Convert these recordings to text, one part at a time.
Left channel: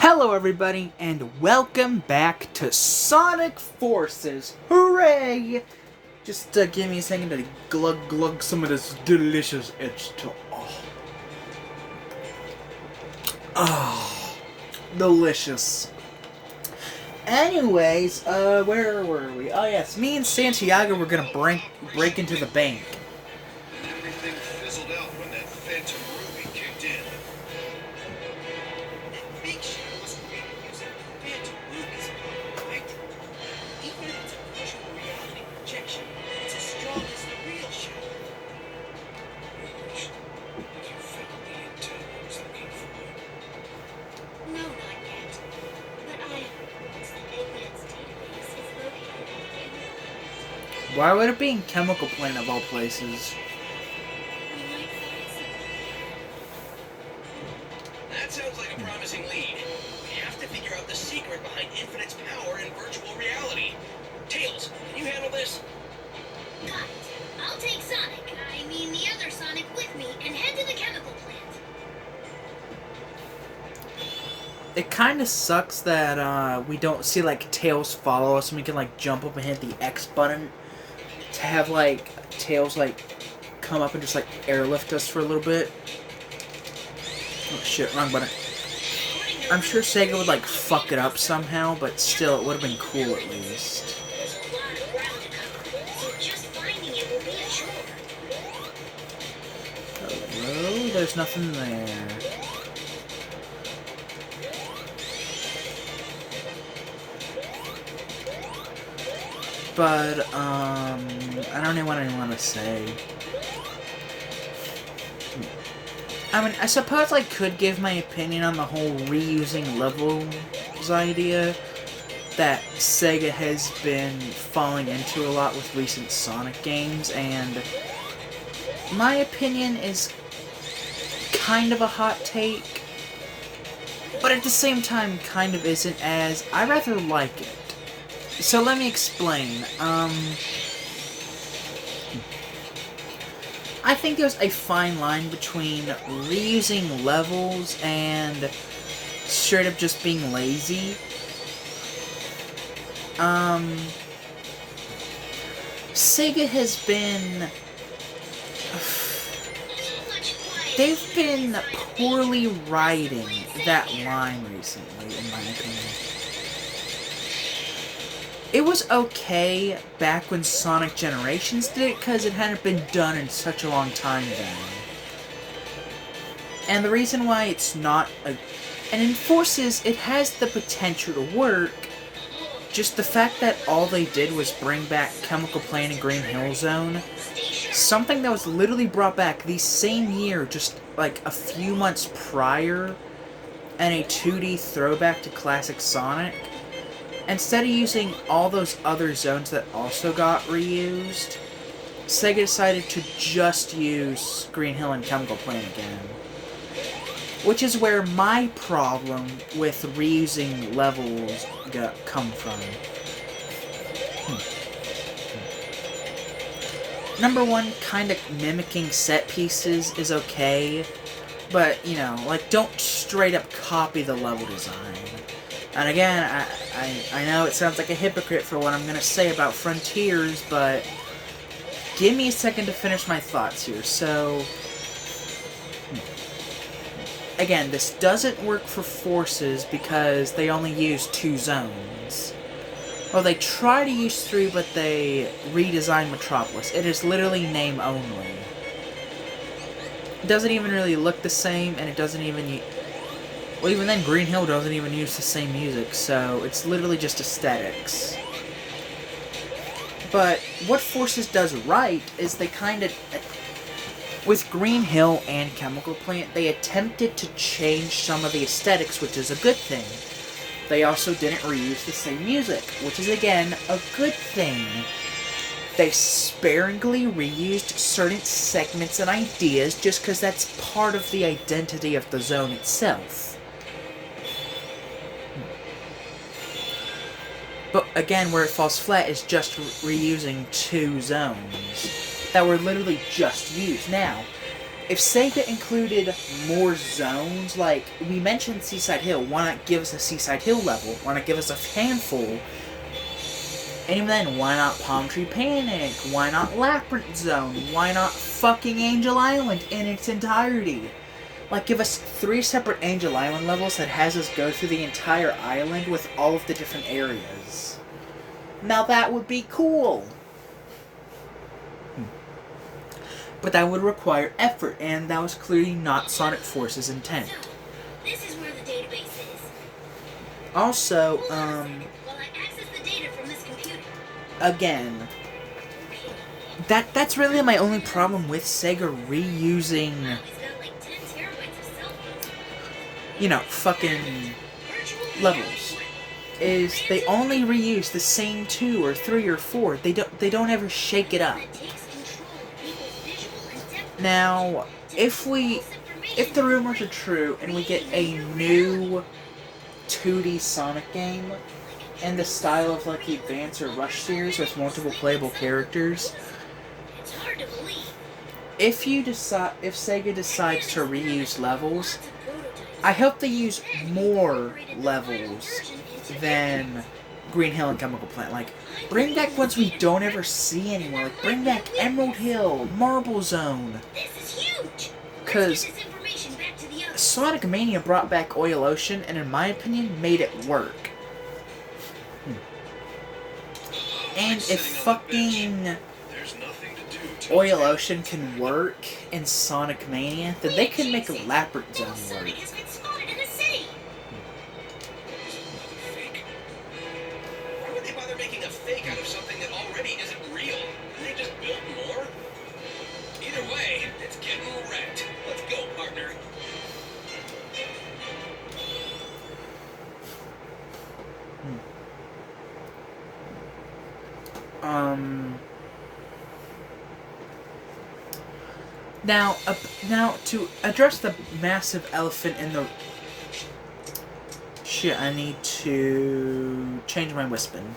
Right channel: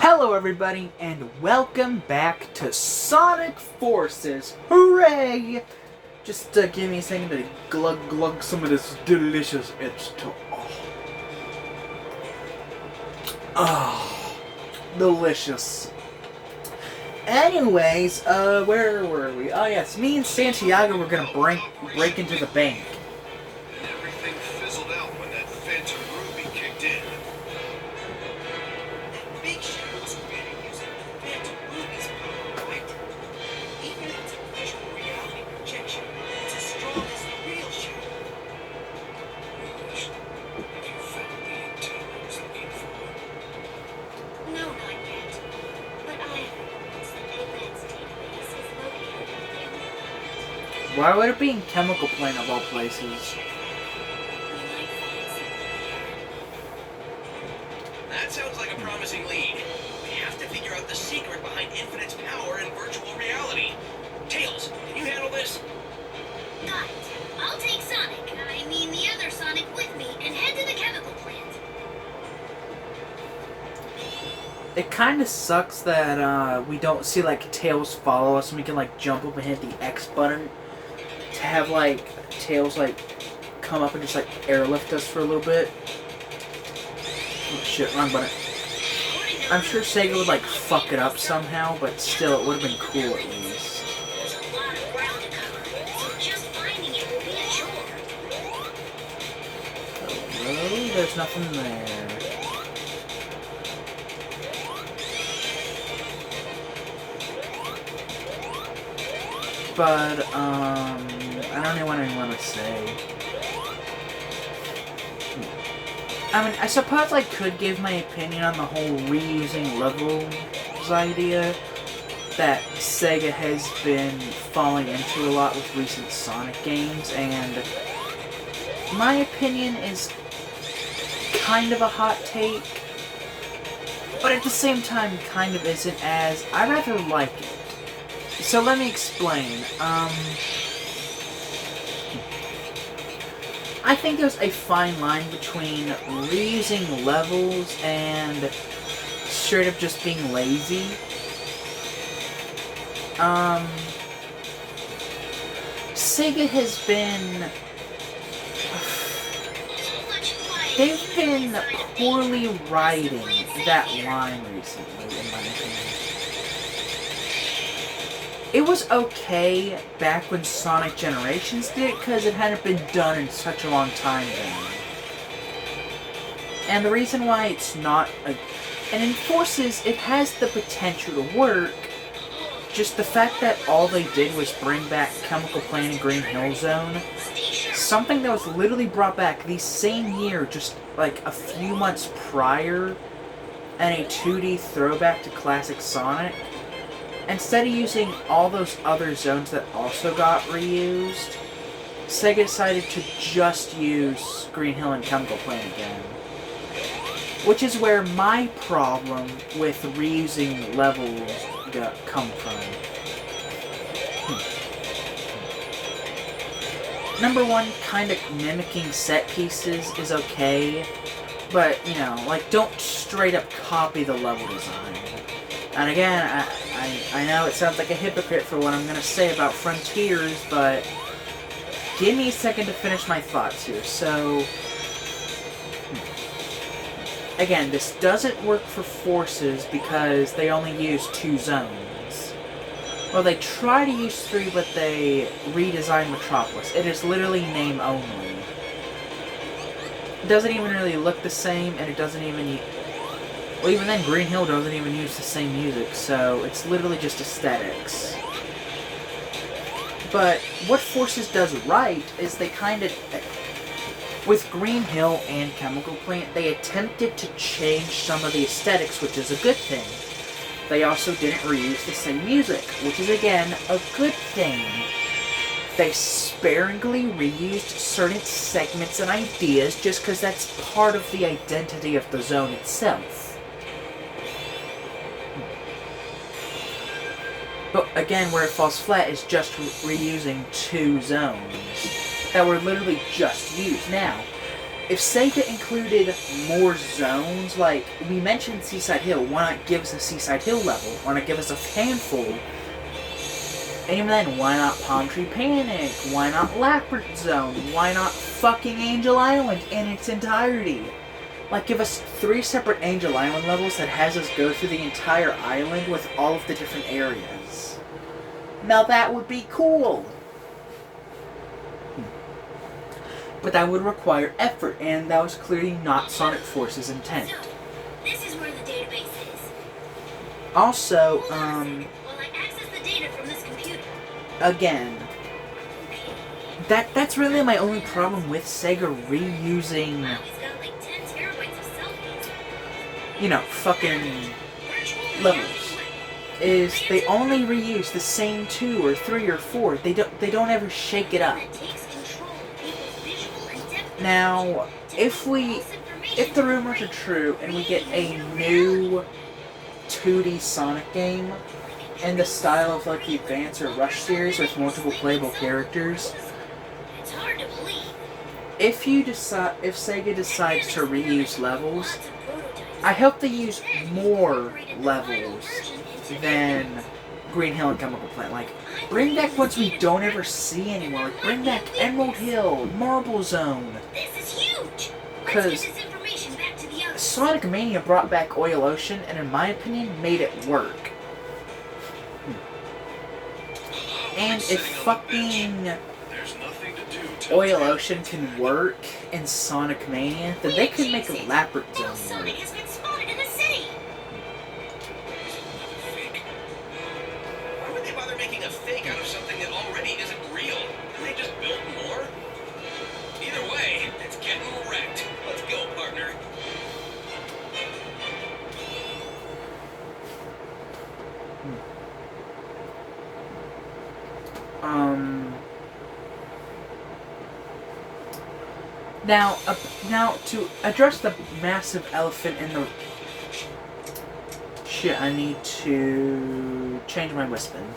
Hello, everybody, and welcome back to Sonic Forces. Hooray! Just give me a second to glug some of this delicious H2O. Oh, delicious. Anyways, where were we? Oh yes, me and Santiago were gonna break into the bank. Everything fizzled out when that Phantom Ruby kicked in. That big ship was created using Phantom Ruby's power, right? Even if it's a visual reality projection, it's as strong as the real ship. Have you found the intel I was looking for? No, not yet. But I have reports that Eggman's database is located in the Chemical Plant. Why would it be in Chemical Plant of all places? We might find something there. That sounds like a promising lead. We have to figure out the secret behind Infinite's power in virtual reality. Tails, can you handle this? Got it. I'll take Sonic, I mean the other Sonic, with me and head to the Chemical Plant. It kind of sucks that we don't see like Tails follow us and we can like jump up and hit the X button to have like Tails like come up and just like airlift us for a little bit. Oh shit, wrong button. I'm sure Sega would like fuck it up somehow, but still it would have been cool at least. There's a lot of ground to cover, so just finding it will be a chore. Hello? There's nothing there. But, I don't know what I want to say. I mean, I suppose I could give my opinion on the whole reusing levels idea that Sega has been falling into a lot with recent Sonic games, and my opinion is kind of a hot take, but at the same time kind of isn't, as I rather like it. So let me explain. I think there's a fine line between reusing levels and straight up just being lazy. Sega has been... They've been poorly riding that line recently, in my opinion. It was okay back when Sonic Generations did it, because it hadn't been done in such a long time then. And the reason why it's not a... And in Forces, it has the potential to work, just the fact that all they did was bring back Chemical Plant and Green Hill Zone, something that was literally brought back the same year, just like a few months prior, and a 2D throwback to classic Sonic. Instead of using all those other zones that also got reused, Sega decided to just use Green Hill and Chemical Plant again. Which is where my problem with reusing levels come from. Number one, kind of mimicking set pieces is okay, but, you know, like, don't straight up copy the level design. And again, I know it sounds like a hypocrite for what I'm going to say about Frontiers, but give me a second to finish my thoughts here. So, again, this doesn't work for Forces because they only use 2 zones. Well, they try to use 3, but they redesigned Metropolis. It is literally name only. It doesn't even really look the same, and it doesn't even... Well, even then, Green Hill doesn't even use the same music, so it's literally just aesthetics. But what Forces does right is they kind of... With Green Hill and Chemical Plant, they attempted to change some of the aesthetics, which is a good thing. They also didn't reuse the same music, which is, again, a good thing. They sparingly reused certain segments and ideas just because that's part of the identity of the zone itself. But again, where it falls flat is just reusing 2 zones that were literally just used. Now, if Sega included more zones, like we mentioned Seaside Hill, why not give us a Seaside Hill level? Why not give us a handful? And even then, why not Palm Tree Panic? Why not Labyrinth Zone? Why not fucking Angel Island in its entirety? Like, give us 3 separate Angel Island levels that has us go through the entire island with all of the different areas. Now that would be cool. But that would require effort, and that was clearly not Sonic Force's intent. So, this is where the database is. Also, Hold on a second while I access the data from this computer. again, Okay. that's really my only problem with Sega reusing, Wow, he's got like 10 terabytes of selfies. Fucking Virtual levels. reality. is they only reuse the same 2 or 3 or 4. They don't ever shake it up. That takes control of people's visual and depth. Now, if the rumors are true and we get a new 2D Sonic game in the style of like the Advance or Rush series with multiple playable characters, It's hard to believe. if Sega decides to reuse levels, Lots of prototypes. I hope they use more levels than Green Hill and Chemical Plant. Like, bring back ones we don't ever see anymore. Like, bring back Emerald Hill, Marble Zone. This is huge. Let's 'Cause get this information back to the others. Sonic Mania brought back Oil Ocean, and in my opinion, made it work. And if fucking There's nothing to do till Oil Ocean can work in Sonic Mania, then they could make a Labyrinth Little Zone work. Sonic has been spotted in the city. Another fake. Why would they bother making a fake out of something that already isn't real? Can they just build more? Either way, it's getting wrecked. Let's go, partner. Now to address the massive elephant in the shit, I need to change my Wispin.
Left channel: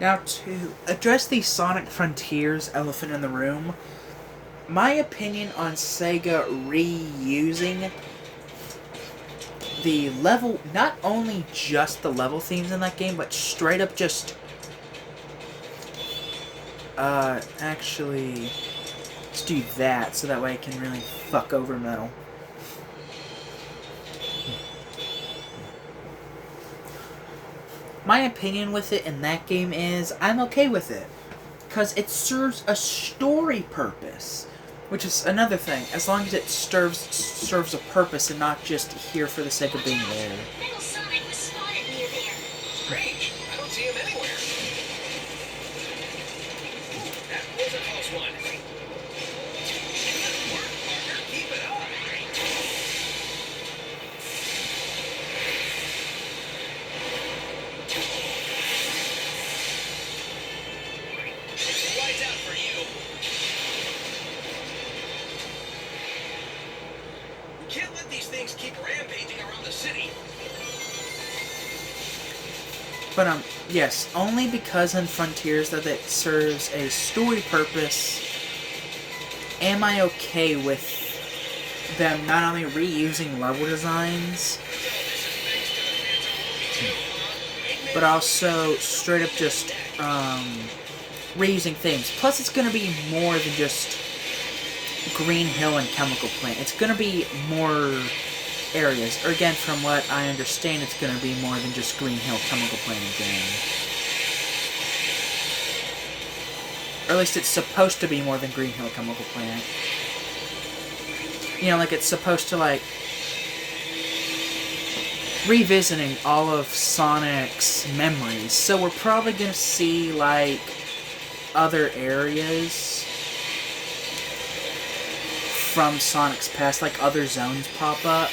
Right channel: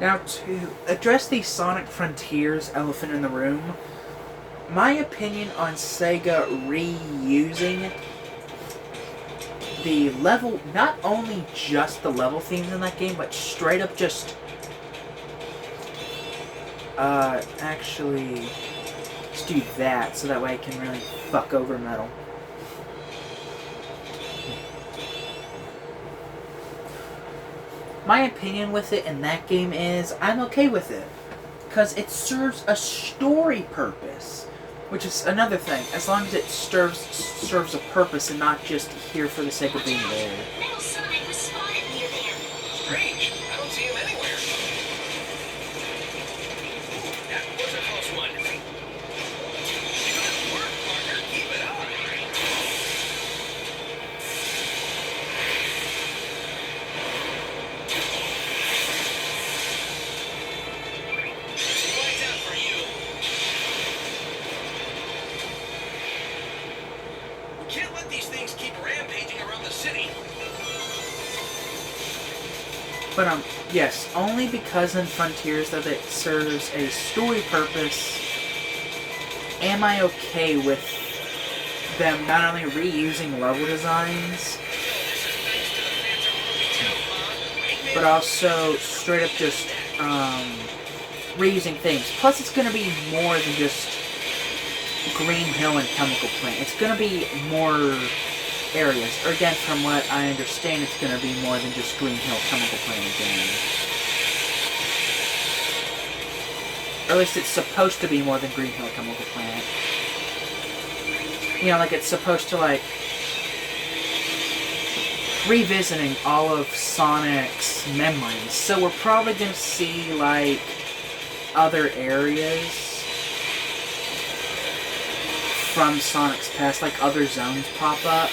Now to address the Sonic Frontiers elephant in the room, my opinion on Sega reusing the level, not only just the level themes in that game, but straight up just actually, let's do that so that way I can really fuck over Metal. My opinion with it in that game is I'm okay with it, because it serves a story purpose, which is another thing. As long as it serves a purpose and not just here for the sake of being there. Little Sonic was spotted near there. Strange. I don't see him anywhere. Ooh, that was a close one. Good work, partner. Keep it up. Lights out for you. We can't let these things keep rampaging around the city. But yes, only because in Frontiers that it serves a story purpose am I okay with them not only reusing level designs, but also straight up just reusing things. Plus, it's going to be more than just Green Hill and Chemical Plant. It's going to be more areas. Or again, from what I understand, it's going to be more than just Green Hill, Chemical Plant again. Or at least it's supposed to be more than Green Hill, Chemical Plant. You know, like it's supposed to, like, revisiting all of Sonic's memories. So we're probably going to see, like, other areas from Sonic's past, like other zones pop up.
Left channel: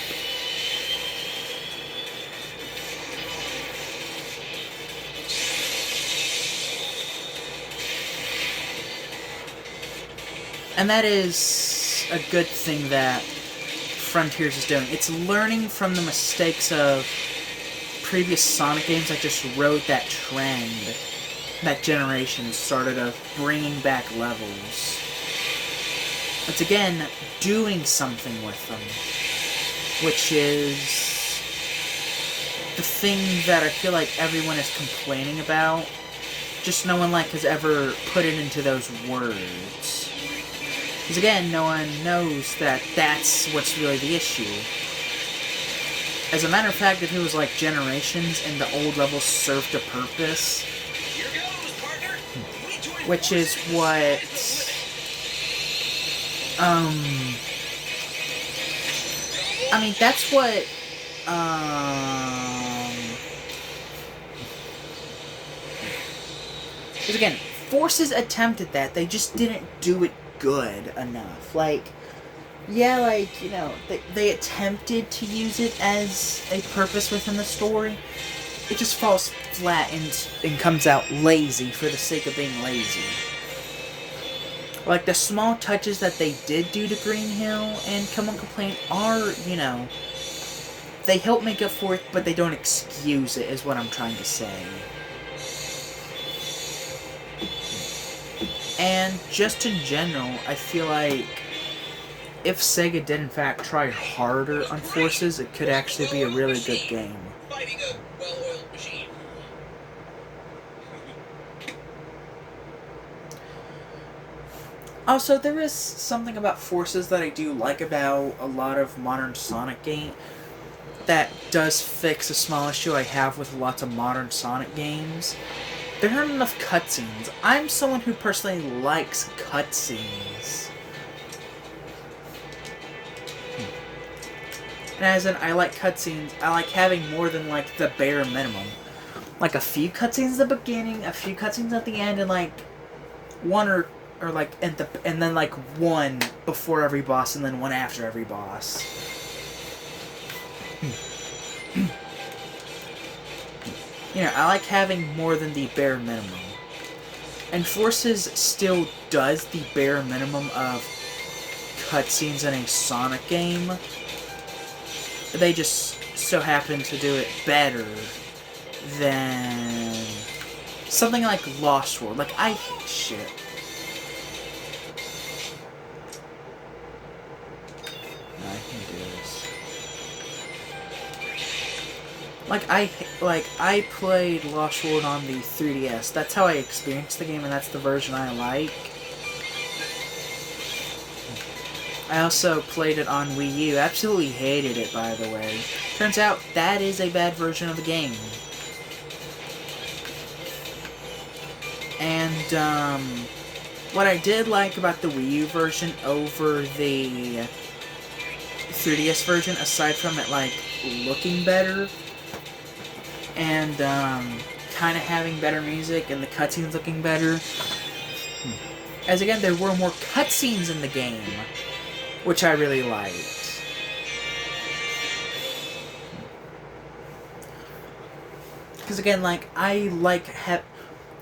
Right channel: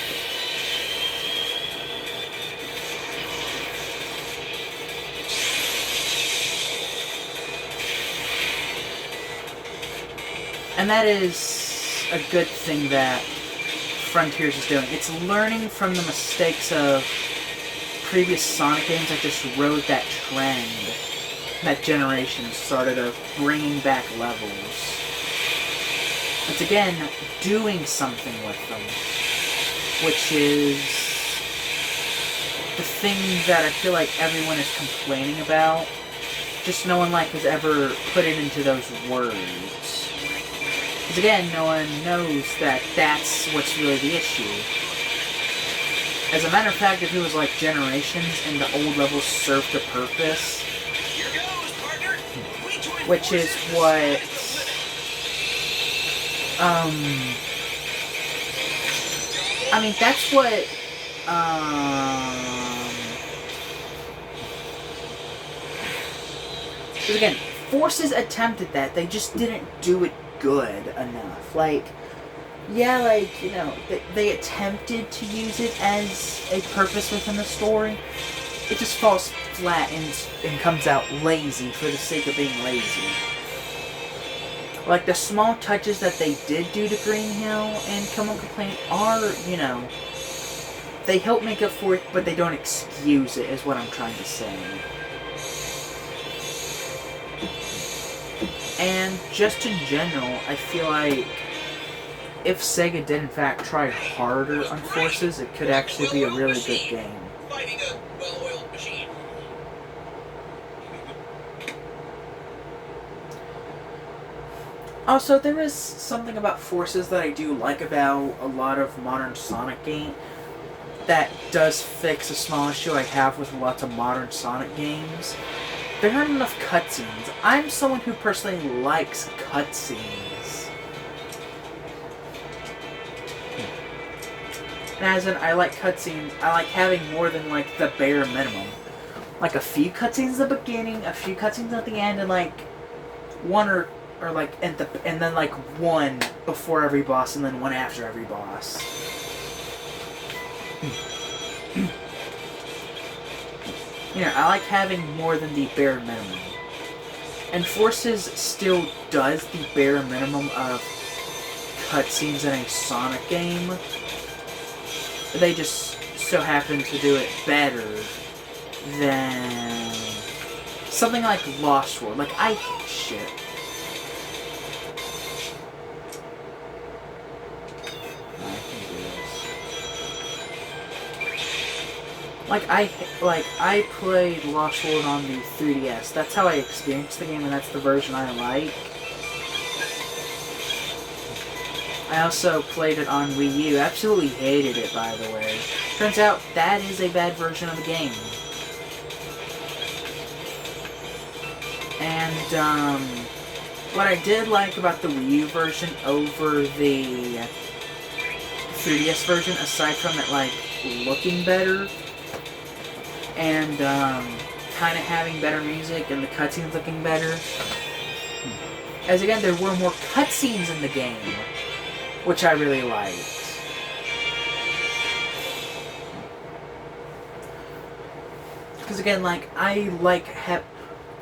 And that is a good thing that Frontiers is doing. It's learning from the mistakes of previous Sonic games that just rode that trend, that generation started of bringing back levels. It's again doing something with them, which is the thing that I feel like everyone is complaining about. Just no one has ever put it into those words. Because again, no one knows that that's what's really the issue. As a matter of fact, if it was like Generations and the old levels served a purpose, Here goes, partner. We join which is forces what, and the sky's I mean, that's what, because again, Forces attempted that, they just didn't do it good enough. Yeah, they attempted to use it as a purpose within the story. It just falls flat and comes out lazy for the sake of being lazy. The small touches that they did do to Green Hill and Chemical Plant are, they help make up for it, but they don't excuse it, is what I'm trying to say. And just in general, I feel like if Sega did in fact try harder on Forces, it could actually be a really good game. fighting a well-oiled machine. Also, there is something about Forces that I do like about a lot of modern Sonic games that does fix a small issue I have with lots of modern Sonic games. There aren't enough cutscenes. I'm someone who personally likes cutscenes. And as in, I like cutscenes, I like having more than, the bare minimum. A few cutscenes at the beginning, a few cutscenes at the end, and, one or and then, one before every boss, and then one after every boss. I like having more than the bare minimum. And Forces still does the bare minimum of cutscenes in a Sonic game. They just so happen to do it better than something like Lost World. Shit. I can do this. I played Lost World on the 3DS. That's how I experienced the game, and that's the version I like. I also played it on Wii U. Absolutely hated it, by the way. Turns out, that is a bad version of the game. And, what I did like about the Wii U version over the 3DS version, aside from it, looking better, and, kind of having better music, and the cutscenes looking better, as again, there were more cutscenes in the game, which I really liked. Because again, and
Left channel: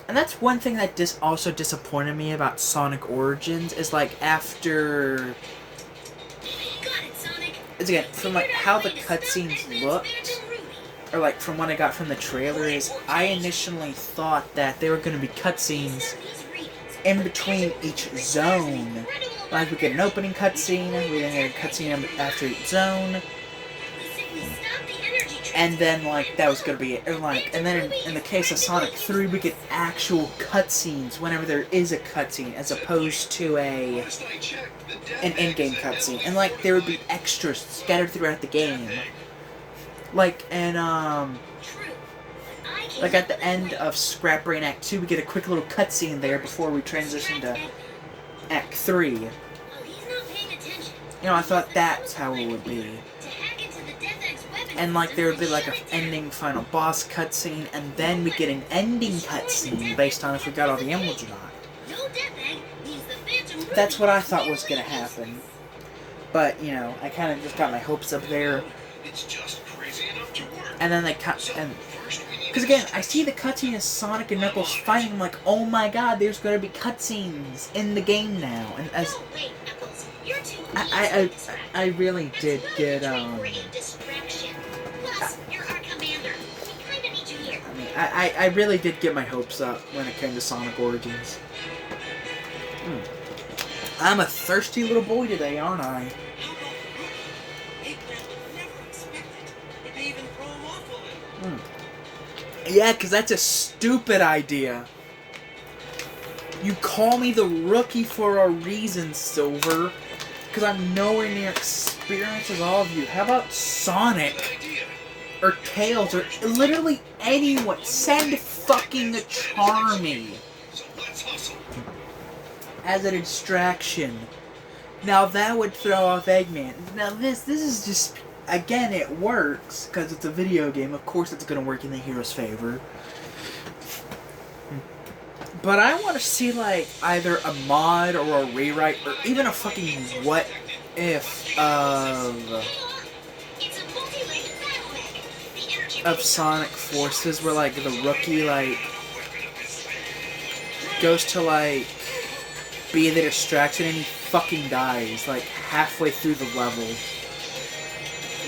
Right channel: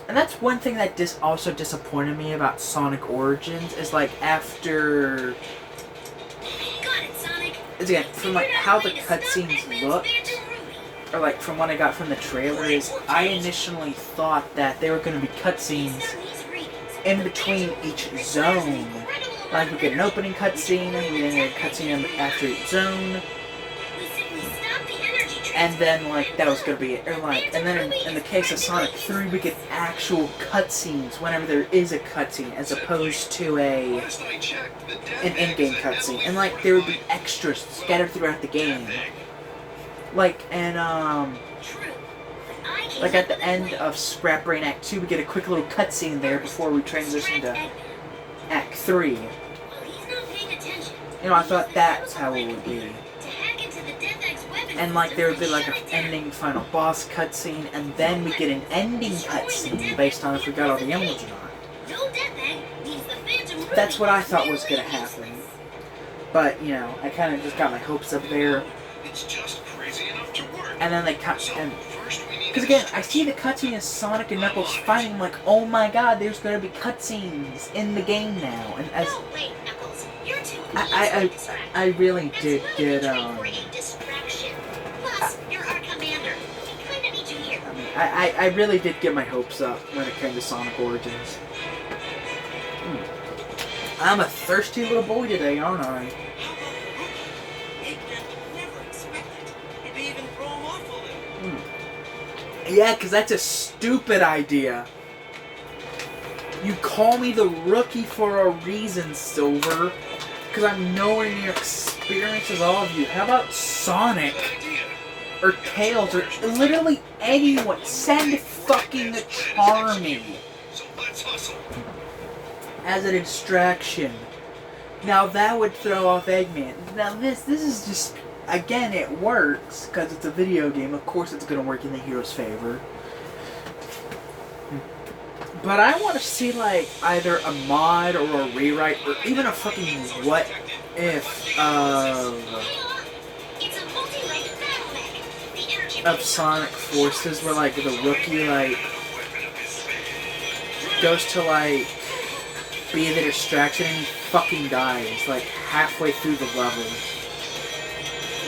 that's one thing that also disappointed me about Sonic Origins, is after... Got it, Sonic. It's again, from how the cutscenes looked, or from what I got from the trailer, is I initially thought that there were going to be cutscenes in between each zone. We get an opening cutscene, we then get a cutscene after each zone, and then, that was gonna be it. Or, and then in the case of Sonic 3, we get actual cutscenes whenever there is a cutscene, as opposed to an in-game cutscene. And, there would be extras scattered throughout the game. At the end of Scrap Brain Act 2, we get a quick little cutscene there before we transition to Act 3. I thought that's how it would be. And, there would be, an ending final boss cutscene, and then we get an ending cutscene based on if we got all the emeralds or not. That's what I thought was going to happen. But, I kind of just got my hopes up there. It's just crazy enough to work. And then they cut, and because again, I see the cutscene as Sonic and Knuckles fighting. I'm oh my god, there's gonna be cutscenes in the game now. And as I really did get I really did get my hopes up when it came to Sonic Origins. I'm a thirsty little boy today, aren't I? How about the rookie? Eggman would never expect it. It may even throw him off a little. Yeah, because that's a stupid idea. You call me the rookie for a reason, Silver. Because I'm nowhere near experienced as all of you. How about Sonic? Idea. Or Tails? Or literally anyone? Send fucking Charmy So let's hustle. as a distraction. Now that would throw off Eggman. Now this is just... Again, it works, because it's a video game. Of course it's going to work in the hero's favor. But I want to see, like, either a mod or a rewrite, or even a fucking what if It's a multi-legged battle mech. The energy of Sonic Forces, where, like, the rookie, like, goes to, like, be the distraction and he fucking dies, like, halfway through the level.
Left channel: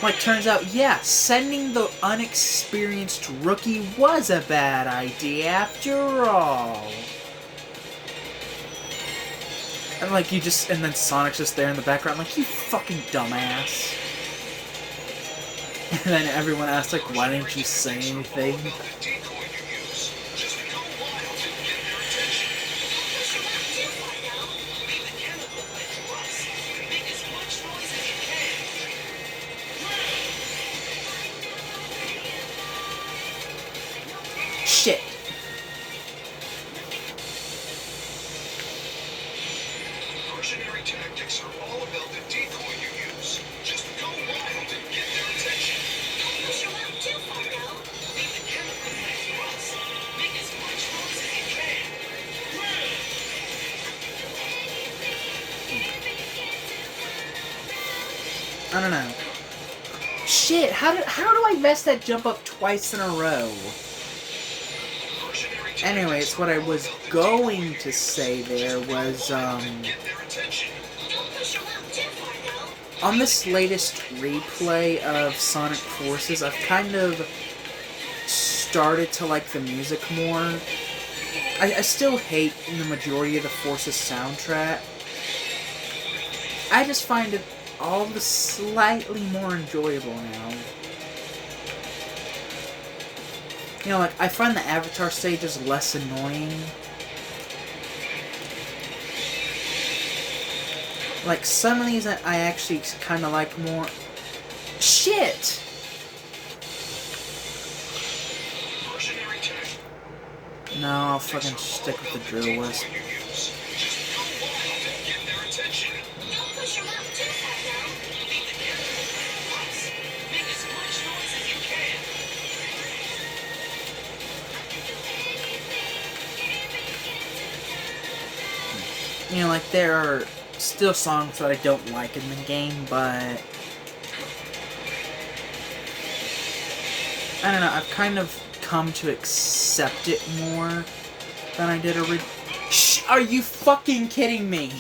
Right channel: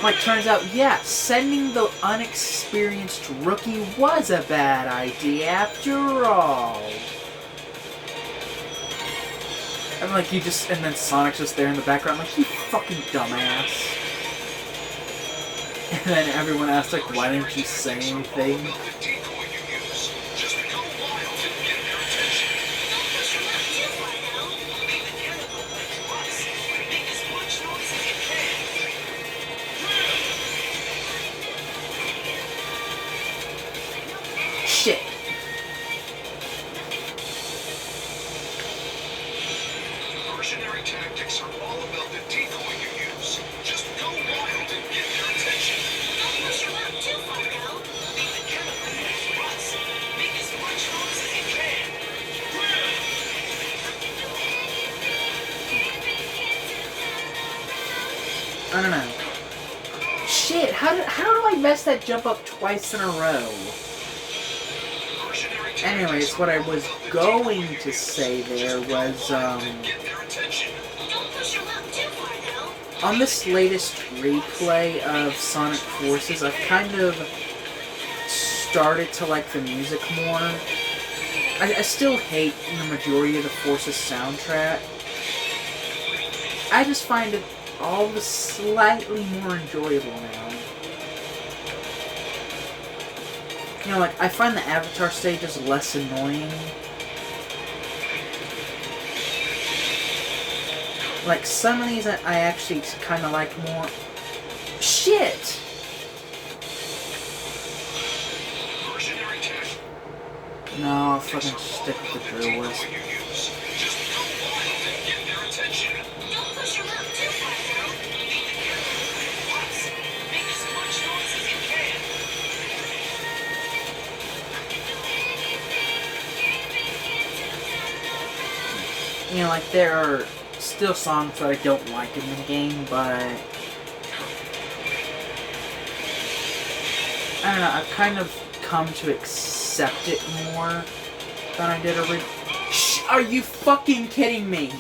Like, turns out, yeah, sending the unexperienced rookie was a bad idea after all. And, like, and then Sonic's just there in the background, like, you fucking dumbass. And then everyone asks, like, why didn't you say anything? About the decoy you use. Just go wild and get their attention. Don't push your luck too far, though. Make the chemical like us. Make as much noise as you can. Shit. Mercenary tactics are all about the decoy you use. Just go wild and get their attention. Don't push your luck too far, though. Make the chemical like us. Make as much noise as you can. I don't know. Shit, how do I mess that jump up twice in a row? Mercenary tactics Anyways, what I was going to say there was, get their attention. Don't push your luck too far, though. on this latest replay of Sonic Forces, I've kind of started to like the music more. I still hate the majority of the Forces soundtrack. I just find it all the slightly more enjoyable now. You know, like, I find the Avatar stages less annoying. Like, some of these I actually kind of like more. Shit! Mercenary tactics. No, I'll fucking stick with the drill whiz. You use. Just go wild and get their attention. Don't push your luck too far, though. Make the chemical like us. Make as much noise as you can. You know, like, there are still songs that I don't like in the game, but I don't know, I've kind of come to accept it more than I did originally. Shh! Are you fucking kidding me?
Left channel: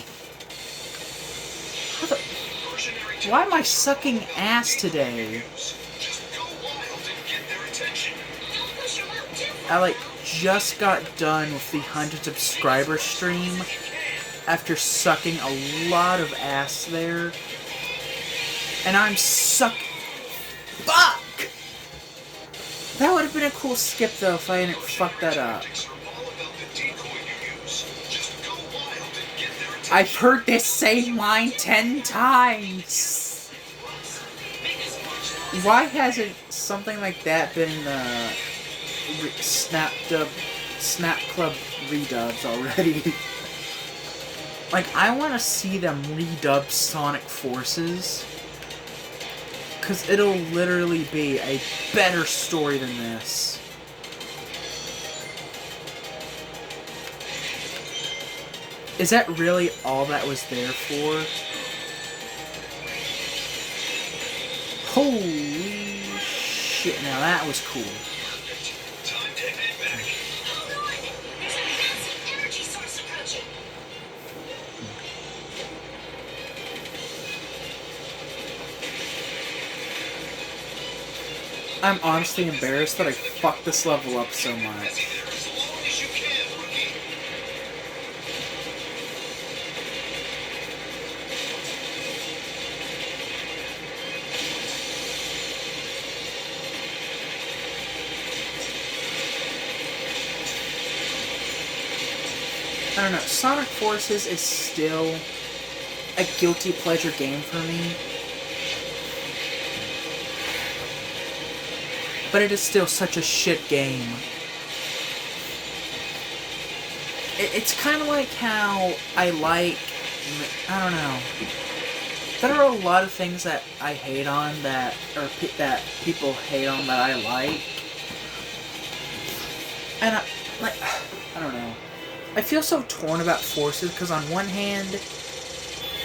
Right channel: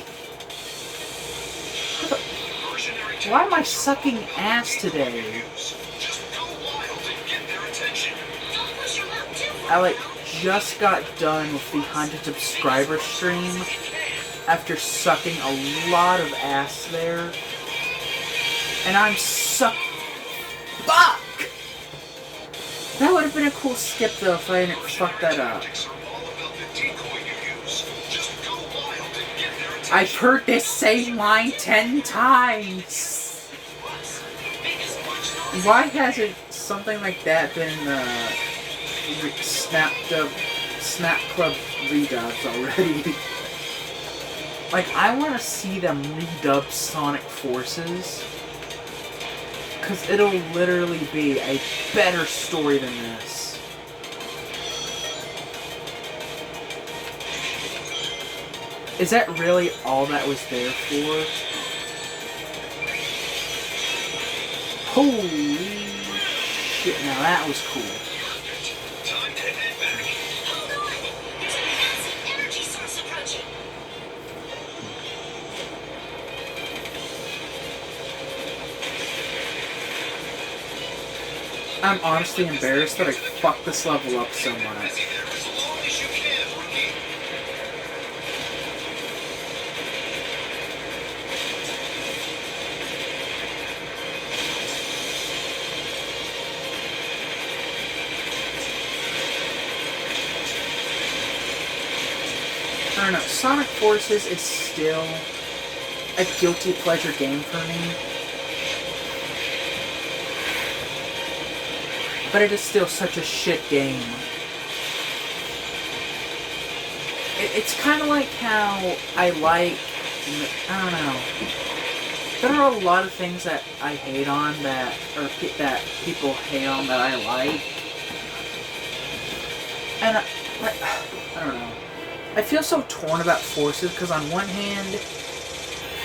Mercenary Why am I sucking ass today? tactics. Just go wild and get their attention. Don't push your luck too far. I, like, just got done with the 100 subscriber stream after sucking a lot of ass there. And I'm Fuck! That would have been a cool skip, though, if I hadn't fucked that up. Tactics are all about the decoy you use. Just go wild and get their attention. I've heard this same line 10 times. Why hasn't something like that been Snap Club redubs already? Like, I want to see them redub Sonic Forces. Because it'll literally be a better story than this. Is that really all that was there for? Holy shit, now that was cool. Time to head back. Hold on. There's a massive energy source approaching. I'm honestly embarrassed that I fucked this level up so much. Be there as long as you can, rookie. I don't know. Sonic Forces is still a guilty pleasure game for me. But it is still such a shit game. It's kind of like how I don't know. There are a lot of things that I hate on that people hate on that I like. And I don't know. I feel so torn about Forces because on one hand,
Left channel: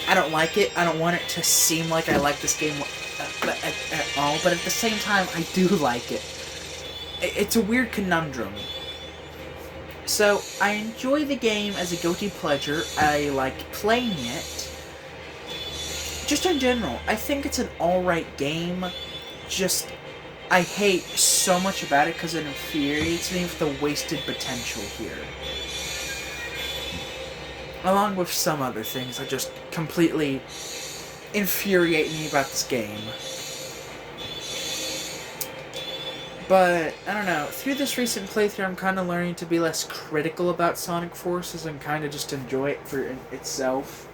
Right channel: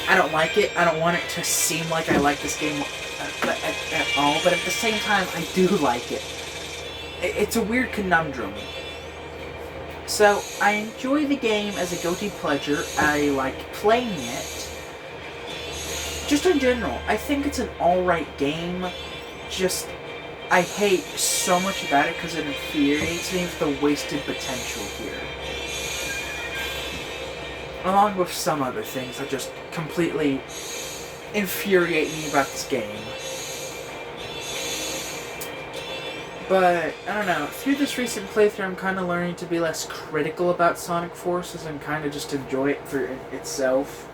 I don't like it. I don't want it to seem like I like this game at all. But at the same time, I do like it. It's a weird conundrum. So, I enjoy the game as a guilty pleasure. I like playing it. Just in general, I think it's an alright game. Just, I hate so much about it because it infuriates me with the wasted potential here. Along with some other things that just completely infuriate me about this game. But, I don't know, through this recent playthrough I'm kind of learning to be less critical about Sonic Forces and kind of just enjoy it for itself.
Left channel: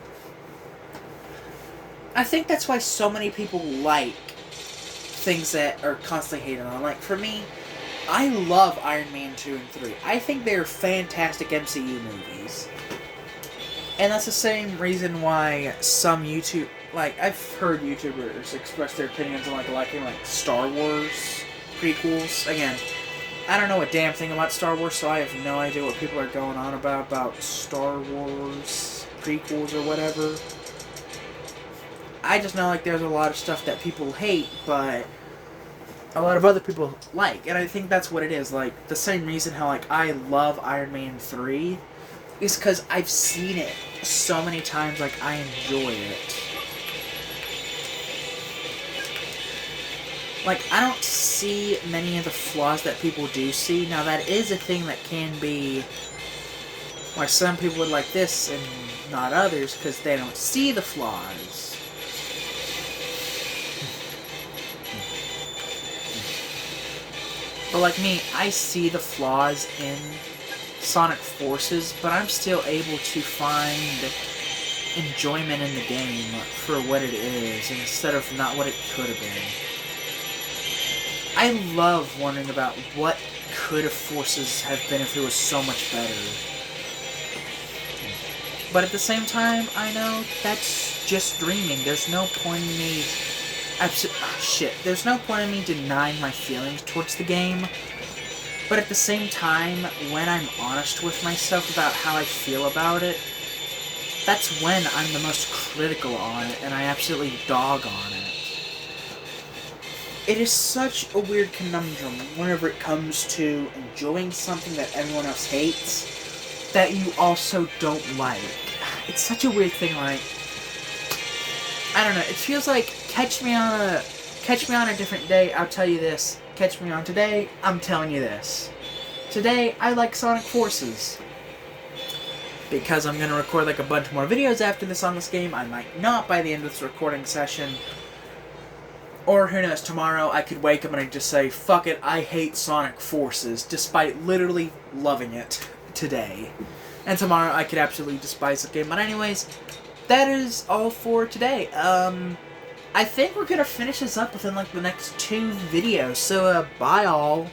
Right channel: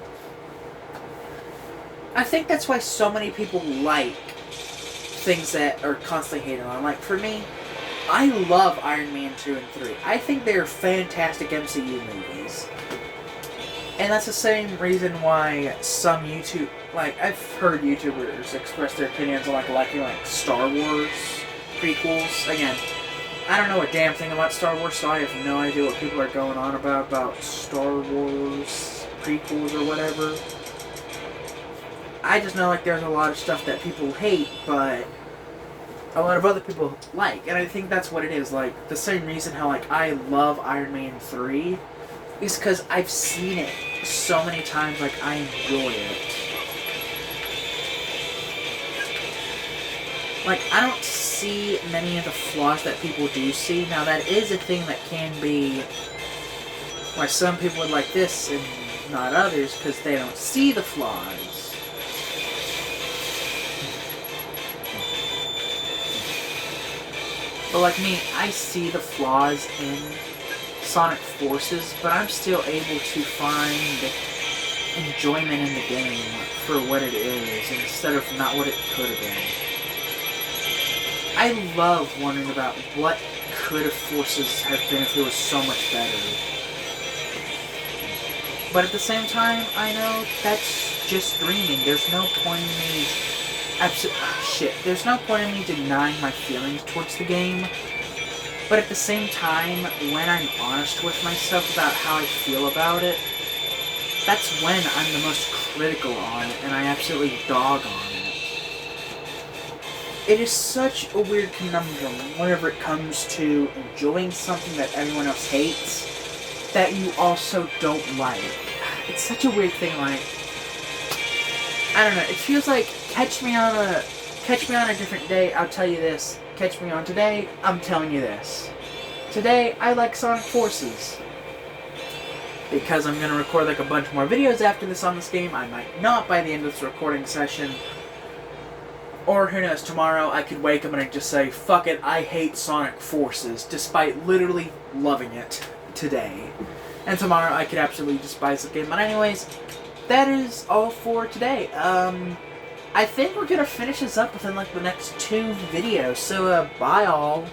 I think that's why so many people like things that are constantly hated on. Like, for me, I love Iron Man 2 and 3. I think they're fantastic MCU movies. And that's the same reason why some I've heard YouTubers express their opinions on liking Star Wars prequels. Again, I don't know a damn thing about Star Wars, so I have no idea what people are going on about Star Wars prequels or whatever. I just know there's a lot of stuff that people hate, but a lot of other people like, and I think that's what it is. The same reason how I love Iron Man 3 is because I've seen it so many times. I enjoy it. I don't see many of the flaws that people do see. Now, that is a thing that can be why some people would like this and not others, because they don't see the flaws. But like me, I see the flaws in Sonic Forces, but I'm still able to find enjoyment in the game for what it is, instead of not what it could have been. I love wondering about what could have Forces have been if it was so much better. But at the same time, I know that's just dreaming. There's no point in me... There's no point in me denying my feelings towards the game. But at the same time, when I'm honest with myself about how I feel about it, that's when I'm the most critical on it, and I absolutely dog on it. It is such a weird conundrum whenever it comes to enjoying something that everyone else hates, that you also don't like. It's such a weird thing, I don't know, it feels like, catch me on a different day, I'll tell you this. Catch me on today, I'm telling you this. Today, I like Sonic Forces. Because I'm going to record a bunch more videos after this on this game, I might not by the end of this recording session. Or who knows, tomorrow I could wake up and I'd just say, fuck it, I hate Sonic Forces, despite literally loving it today. And tomorrow I could absolutely despise the game. But anyways, that is all for today. I think we're going to finish this up within the next 2 videos. So, bye all.